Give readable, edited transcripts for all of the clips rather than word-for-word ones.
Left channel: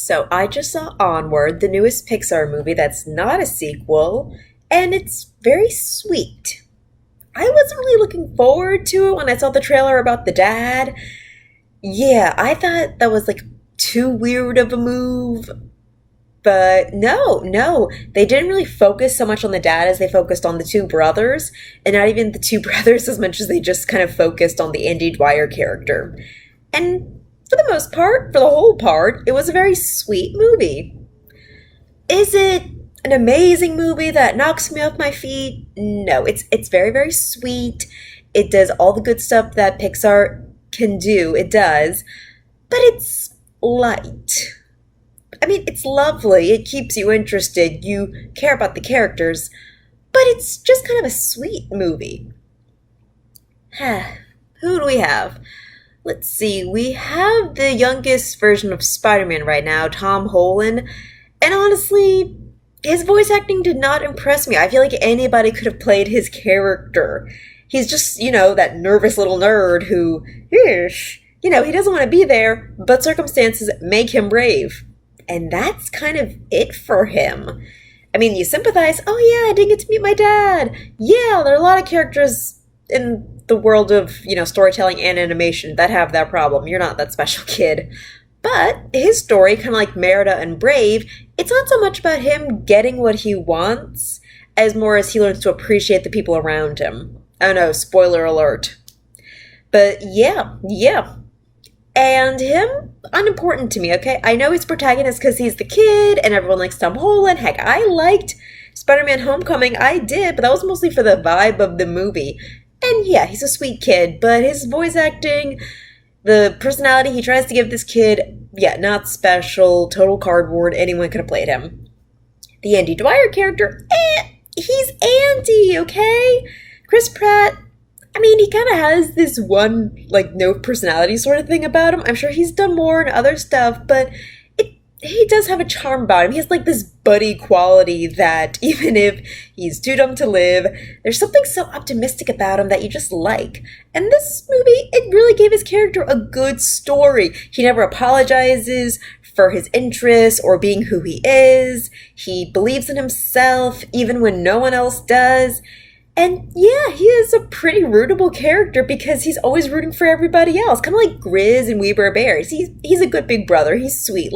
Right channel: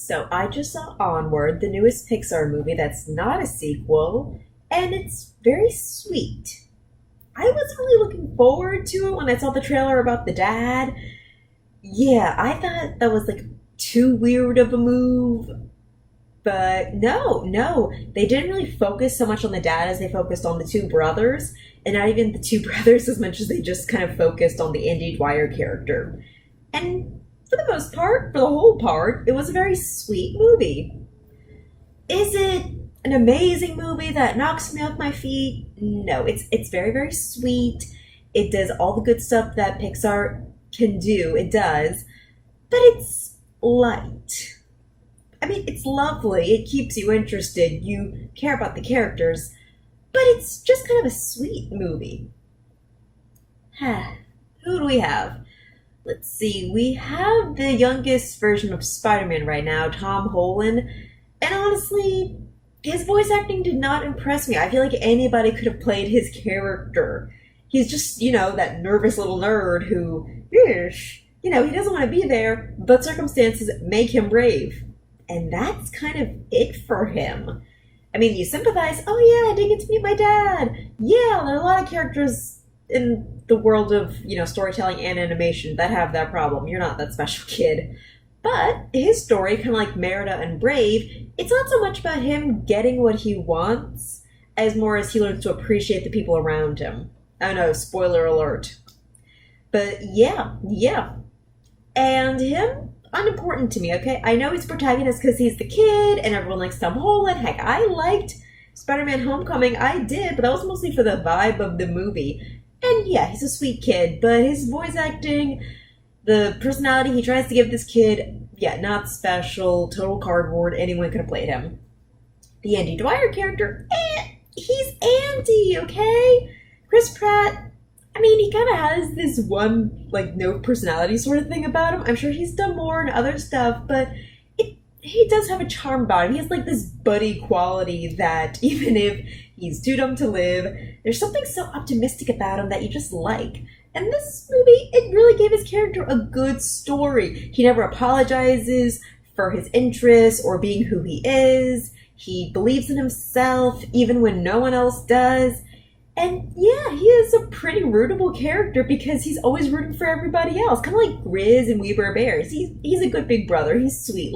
So I just saw Onward, the newest Pixar movie that's not a sequel, and it's very sweet. I wasn't really looking forward to it when I saw the trailer about the dad. Yeah, I thought that was like too weird of a move, but no, they didn't really focus so much on the dad as they focused on the two brothers, and not even the two brothers as much as they just kind of focused on the Andy Dwyer character. And for the most part, for the whole part, it was a very sweet movie. Is it an amazing movie that knocks me off my feet? No, it's very sweet. It does all the good stuff that Pixar can do. It does, but it's light. I mean, it's lovely. It keeps you interested. You care about the characters, but it's just kind of a sweet movie. Who do we have? Let's see. We have the youngest version of Spider-Man right now, Tom Holland. And honestly, his voice acting did not impress me. I feel like anybody could have played his character. He's just, that nervous little nerd who, he doesn't want to be there, but circumstances make him brave. And that's kind of it for him. I mean, you sympathize. Oh, yeah, I didn't get to meet my dad. Yeah, there are a lot of characters in the world of, storytelling and animation that have that problem. You're not that special kid. But his story, kind of like Merida and Brave, it's not so much about him getting what he wants as more as he learns to appreciate the people around him. I don't know, spoiler alert. But yeah. And him, unimportant to me, okay? I know he's protagonist because he's the kid and everyone likes Tom Holland. Heck, I liked Spider-Man Homecoming. I did, but that was mostly for the vibe of the movie. And yeah, he's a sweet kid, but his voice acting, the personality he tries to give this kid, yeah, not special, total cardboard. Anyone could have played him. The Andy Dwyer character, he's Andy, okay? Chris Pratt, I mean, he kind of has this one, no personality sort of thing about him. I'm sure he's done more and other stuff, but he does have a charm about him. He has, this buddy quality that even if he's too dumb to live, there's something so optimistic about him that you just like. And this movie, it really gave his character a good story. He never apologizes for his interests or being who he is. He believes in himself even when no one else does. And yeah, he is a pretty rootable character because he's always rooting for everybody else. Kind of like Grizz and We Bare Bears. He's a good big brother. He's sweet.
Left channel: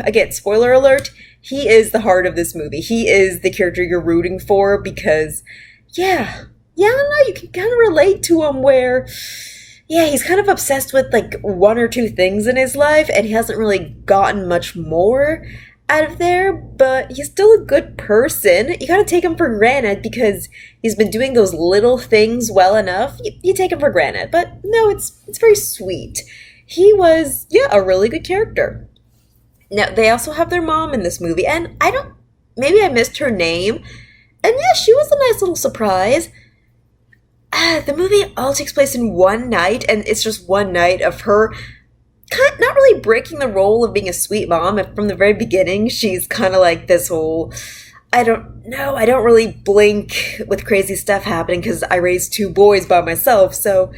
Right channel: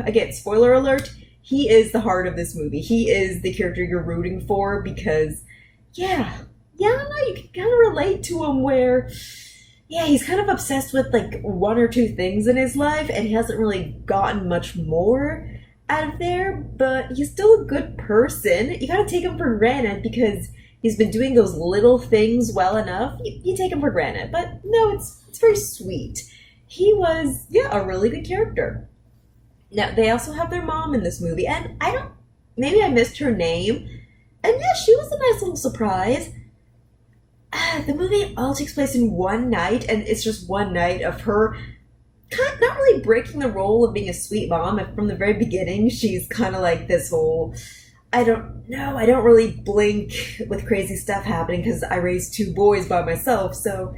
Again, spoiler alert, he is the heart of this movie. He is the character you're rooting for because, I don't know, you can kind of relate to him where, he's kind of obsessed with one or two things in his life and he hasn't really gotten much more out of there, but he's still a good person. You gotta take him for granted because he's been doing those little things well enough. You take him for granted, but no, it's very sweet. He was, a really good character. Now, they also have their mom in this movie, and maybe I missed her name, and yeah, she was a nice little surprise. The movie all takes place in one night, and it's just one night of her not really breaking the role of being a sweet mom. And from the very beginning, she's kind of like this whole, I don't really blink with crazy stuff happening because I raised two boys by myself. So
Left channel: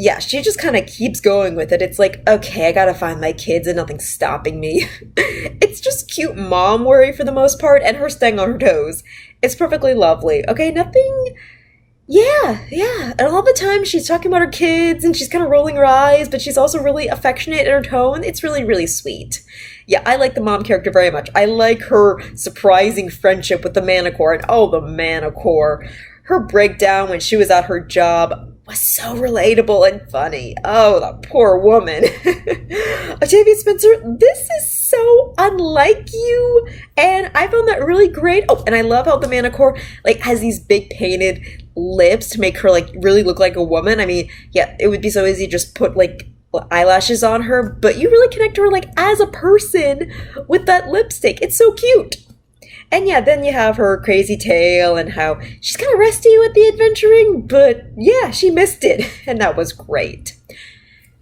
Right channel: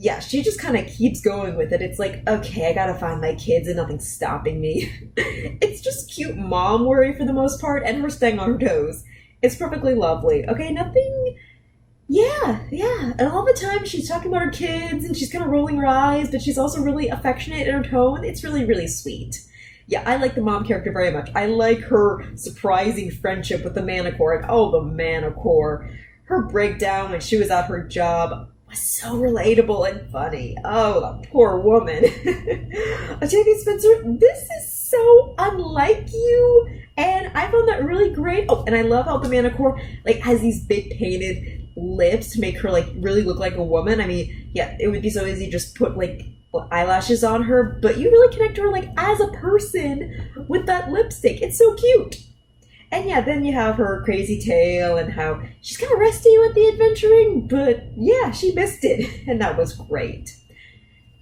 yeah, she just kind of keeps going with it. It's like, okay, I gotta find my kids and nothing's stopping me. It's just cute mom worry for the most part and her staying on her toes. It's perfectly lovely. Okay, nothing. Yeah. And all the time she's talking about her kids and she's kind of rolling her eyes, but she's also really affectionate in her tone. It's really sweet. Yeah, I like the mom character very much. I like her surprising friendship with the Manicore. And the Manicore. Her breakdown when she was at her job was so relatable and funny. Oh, the poor woman. Octavia Spencer, this is so unlike you. And I found that really great. Oh, and I love how the Manicore has these big painted lips to make her really look like a woman. I mean, yeah, it would be so easy to just put eyelashes on her, but you really connect to her as a person with that lipstick. It's so cute. And yeah, then you have her crazy tale and how she's kind of rusty with the adventuring, but yeah, she missed it, and that was great.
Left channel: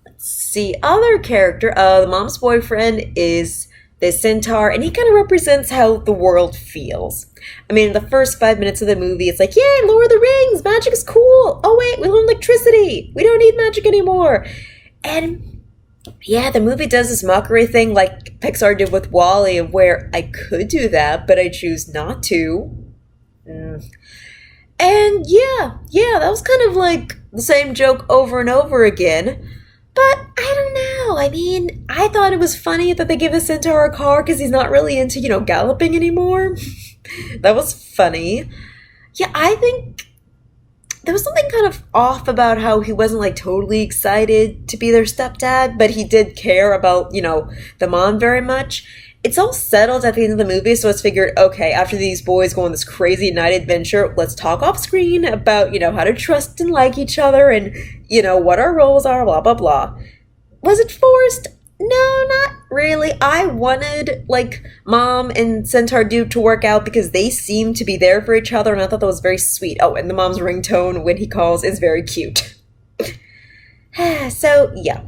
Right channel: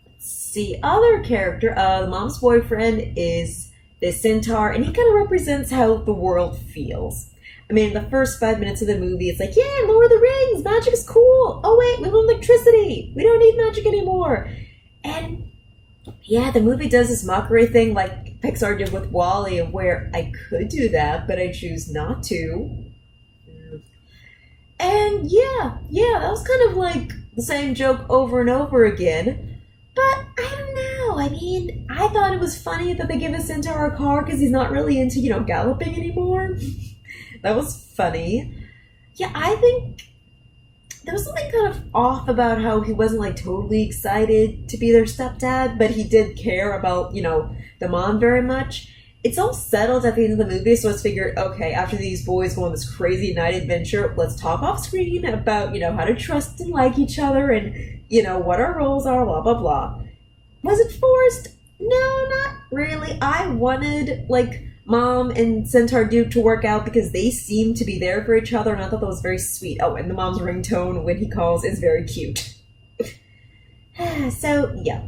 Let's see, other character, the mom's boyfriend is the centaur, and he kind of represents how the world feels. I mean, in the first 5 minutes of the movie, it's like, yay, Lord of the Rings, magic is cool. Oh wait, we learned electricity. We don't need magic anymore. And Yeah, the movie does this mockery thing like Pixar did with Wall-E, where I could do that, but I choose not to. Mm. And yeah, that was kind of like the same joke over and over again. But I don't know. I mean, I thought it was funny that they give a centaur a car because he's not really into, galloping anymore. That was funny. Yeah, I think there was something kind of off about how he wasn't like totally excited to be their stepdad, but he did care about, the mom very much. It's all settled at the end of the movie, so it's figured, okay, after these boys go on this crazy night adventure, let's talk off screen about, how to trust and like each other and, what our roles are, blah, blah, blah. Was it forced? No, not really. I wanted, like, Mom and Centaur Dude to work out because they seem to be there for each other, and I thought that was very sweet. Oh, and the mom's ringtone when he calls is very cute. So, yeah.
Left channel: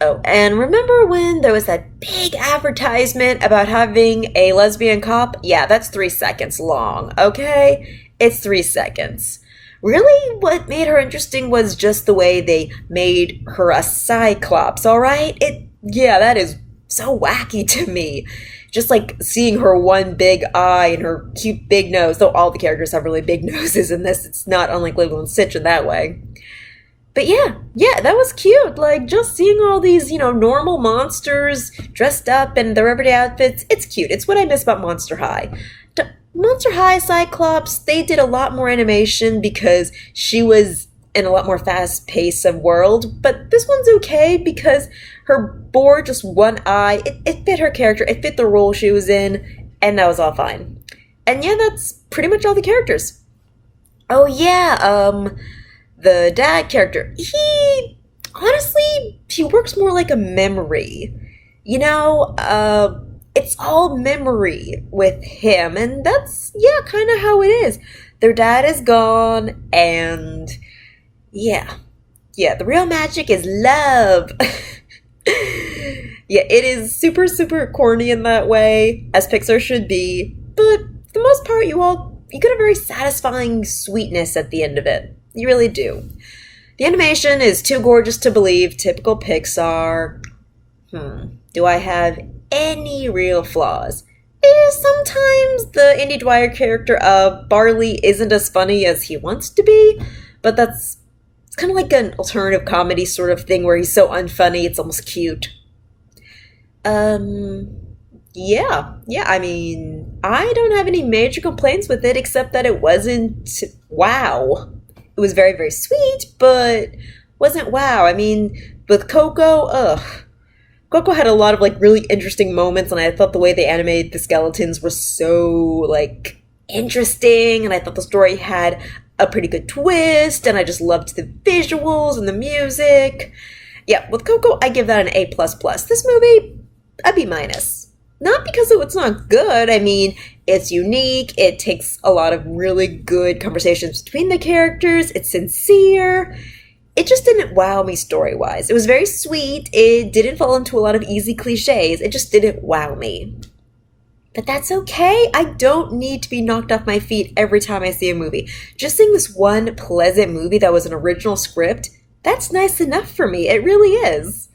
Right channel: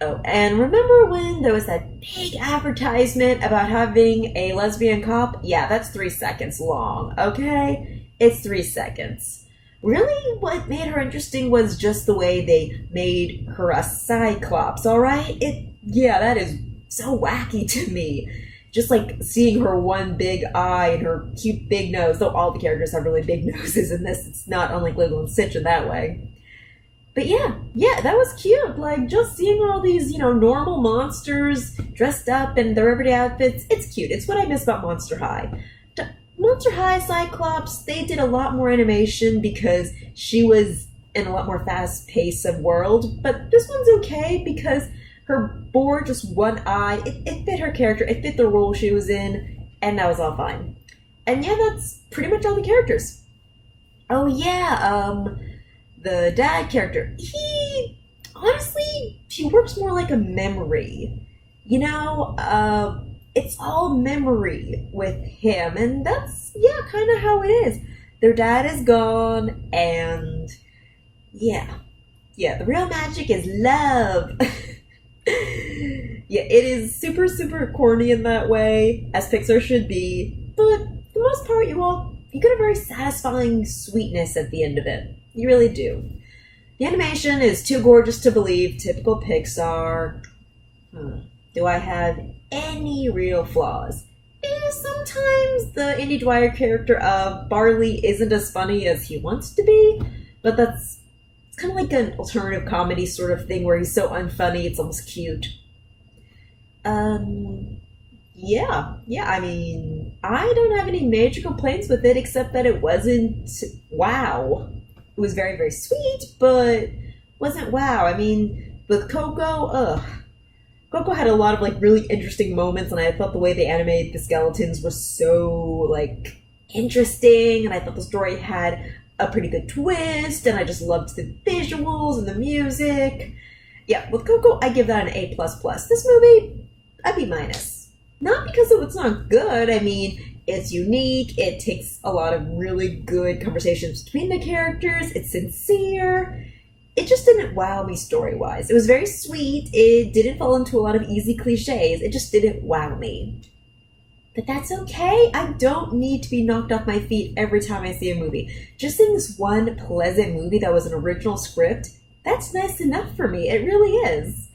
Oh, and remember when there was that big advertisement about having a lesbian cop? Yeah, that's 3 seconds long, okay? It's 3 seconds. Really, what made her interesting was just the way they made her a cyclops, alright? Yeah, that is so wacky to me. Just like seeing her one big eye and her cute big nose, though all the characters have really big noses in this, it's not unlike Lilo and Stitch in that way. But yeah, that was cute. Like, just seeing all these, normal monsters dressed up in their everyday outfits, it's cute. It's what I miss about Monster High. Monster High Cyclops, they did a lot more animation because she was in a lot more fast pace of world, but this one's okay because her bore just one eye, it fit her character, it fit the role she was in, and that was all fine. And yeah, that's pretty much all the characters. Oh yeah, the dad character, he works more like a memory. It's all memory with him, and that's, yeah, kind of how it is. Their dad is gone, and yeah, the real magic is love. Yeah, it is super, super corny in that way, as Pixar should be, but for the most part, you get a very satisfying sweetness at the end of it. You really do. The animation is too gorgeous to believe, typical Pixar. Do I have any real flaws? Sometimes the Andy Dwyer character of Barley isn't as funny as he wants to be, but it's kind of like an alternative comedy sort of thing where he's so unfunny, it's almost cute. Yeah, I mean, I don't have any major complaints with it except that it wasn't wow. It was very, very sweet, but wasn't wow. I mean, with Coco, Coco had a lot of like really interesting moments, and I thought the way they animated the skeletons were so like interesting, and I thought the story had a pretty good twist, and I just loved the visuals and the music. Yeah, with Coco, I give that an A++. This movie, a B-. Not because it's not good. I mean, it's unique. It takes a lot of really good conversations between the characters. It's sincere. It just didn't wow me story-wise. It was very sweet. It didn't fall into a lot of easy cliches. It just didn't wow me. But that's okay. I don't need to be knocked off my feet every time I see a movie. Just seeing this one pleasant movie that was an original script, that's nice enough for me. It really is.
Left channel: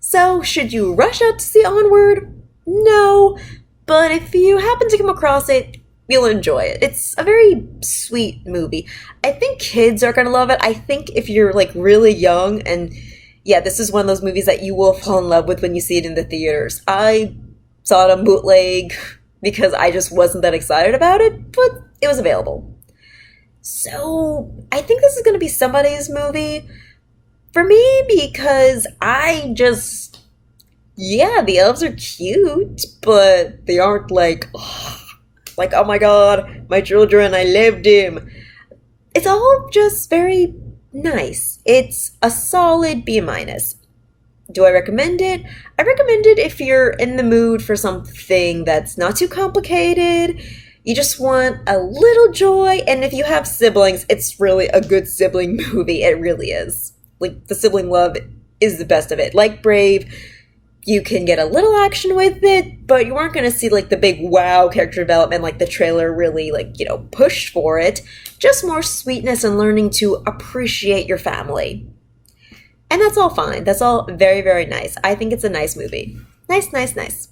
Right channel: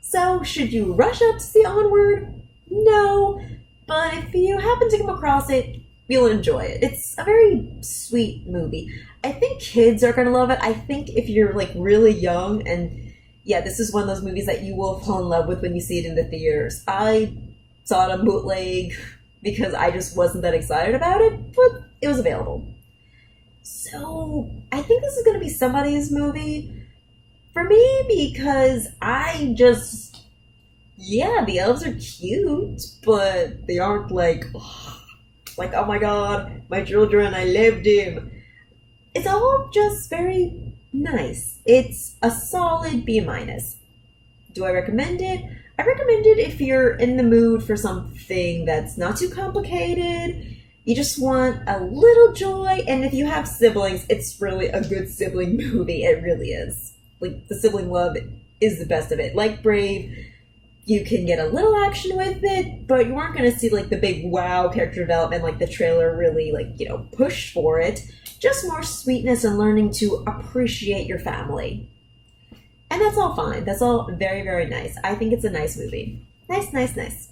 So, should you rush out to see Onward? No. But if you happen to come across it, you'll enjoy it. It's a very sweet movie. I think kids are going to love it. I think if you're like really young, and yeah, this is one of those movies that you will fall in love with when you see it in the theaters. I saw it on bootleg because I just wasn't that excited about it, but it was available. So I think this is going to be somebody's movie for me because yeah, the elves are cute, but they aren't like, oh my god, my children, I loved him. It's all just very nice. It's a solid B-. Do I recommend it? I recommend it if you're in the mood for something that's not too complicated. You just want a little joy, and if you have siblings, it's really a good sibling movie. It really is. Like, the sibling love is the best of it. Like Brave, you can get a little action with it, but you aren't going to see, like, the big wow character development like the trailer really, pushed for it. Just more sweetness and learning to appreciate your family. And that's all fine. That's all very, very nice. I think it's a nice movie. Nice, nice, nice.